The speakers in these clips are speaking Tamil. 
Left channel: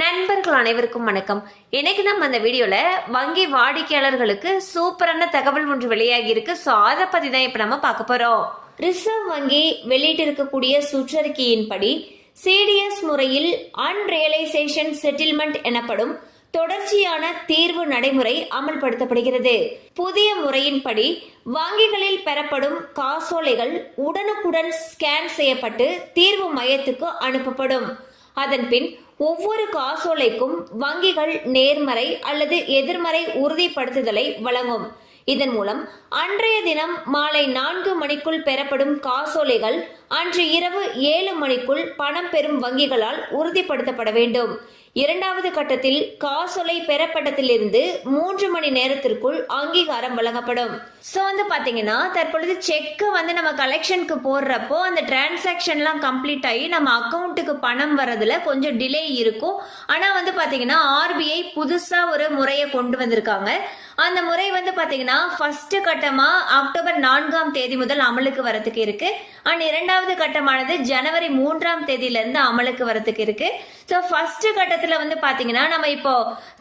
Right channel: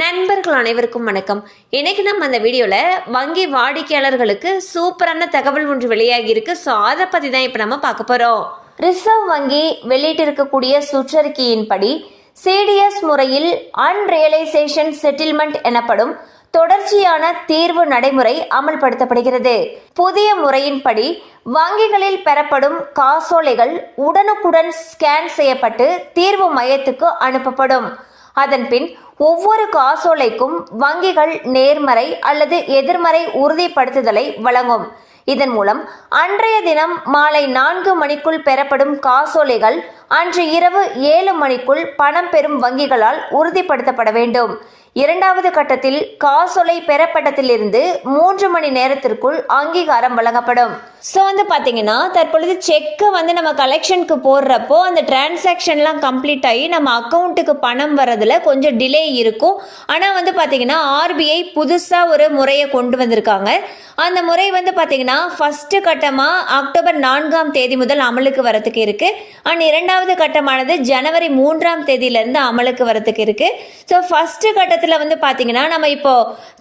நண்பர்கள் அனைவருக்கும் வணக்கம். இன்னைக்கு நம்ம அந்த வீடியோவில் வங்கி வாடிக்கையாளர்களுக்கு சூப்பரான தகவல் ஒன்று வெளியாகி இருக்கு. ஸோ அதை பற்றி தான் இப்போ நம்ம பார்க்க போகிறோம் ரிசர்வ் வங்கி வெளியிட்டிருக்கக்கூடிய சுற்றறிக்கையின்படி சிடிஎஸ் முறையில் அன்ரியலைசேஷன் செட்டில்மெண்ட் எனப்படும் தொடர்ச்சியான தீர்வு நடைமுறை அமல்படுத்தப்படுகிறது. புதிய முறையின்படி வங்கிகளில் பெறப்படும் காசோலைகள் உடனுக்குடன் ஸ்கேன் செய்யப்பட்டு தீர்வு மையத்துக்கு அனுப்பப்படும். அதன்பின் ஒவ்வொரு காசோலைக்கும் வங்கிகள் நேர்மறை அல்லது எதிர்மறை உறுதிப்படுத்துதலை வழங்கும். இதன் மூலம் அன்றைய தினம் மாலை நான்கு மணிக்குள் பெறப்படும் காசோலைகள் அன்று இரவு ஏழு மணிக்குள் பணம் பெறும் வங்கிகளால் உறுதிப்படுத்தப்பட வேண்டும். இரண்டாவது கட்டத்தில் காசோலை பெறப்பட்டதிலிருந்து மூன்று மணி நேரத்திற்குள் அங்கீகாரம் வழங்கப்படும். ஸோ வந்து பார்த்தீங்கன்னா தற்பொழுது செக்கை வந்து நம்ம கலெக்ஷனுக்கு போடுறப்போ அந்த டிரான்சாக்ஷன்லாம் கம்ப்ளீட் ஆகி நம்ம அக்கௌண்ட்டுக்கு பணம் வர்றதுல கொஞ்சம் டிலே இருக்கும். ஆனால் வந்து பார்த்தீங்கன்னா ஆர்பிஐ புதுசாக ஒரு முறையை கொண்டு வந்திருக்காங்க. அந்த முறை வந்து பார்த்தீங்கன்னா ஃபஸ்ட்டு கட்டமாக அக்டோபர் நான்காம் தேதி முதல் அமலுக்கு வரத்துக்கு இருக்குது அண்ட் இரண்டாவது கட்டமானது ஜனவரி மூன்றாம் தேதியிலேருந்து அமலுக்கு வரத்துக்கு இருக்குது ஸோ ஃபஸ்ட்டு கட்டத்தில் வந்து பார்த்தீங்கன்னா நம்ம இப்போ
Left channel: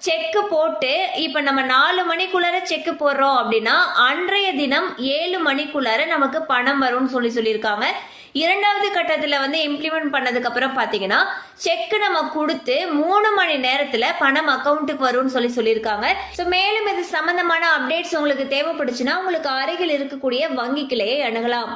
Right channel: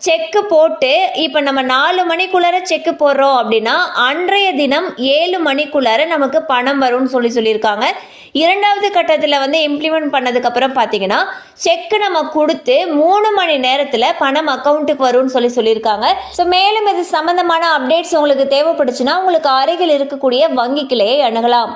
செக்கு போட்டு இப்போ நம்ம நாலு மணிக்குள்ளார செக்கு போடுறோம் அப்படின்னா அன்றைய தினம் ஏழு மணிக்குள்ளார நமக்கு பணம் வரும்னு சொல்லி சொல்லியிருக்காங்க. இரண்டாவது கட்டத்தில் வந்து இம்ப்ளிமெண்ட் பண்ணதுக்கப்புறம் பார்த்தீங்கன்னா செக்கு நம்ம கொடுத்து மூணு மணி நேரத்தில் பணம் அக்கௌண்ட்டுக்கு வரும்னு சொல்லி சொல்லியிருக்காங்க. ஸோ மேலும் இது சம்மந்தமான அப்டேட்ஸ் உங்களுக்கு தேவைப்படுச்சுன்னா உங்களுக்கு அருகில் இருக்கக்கூடிய வங்கி கிளையை அணுகலாம்.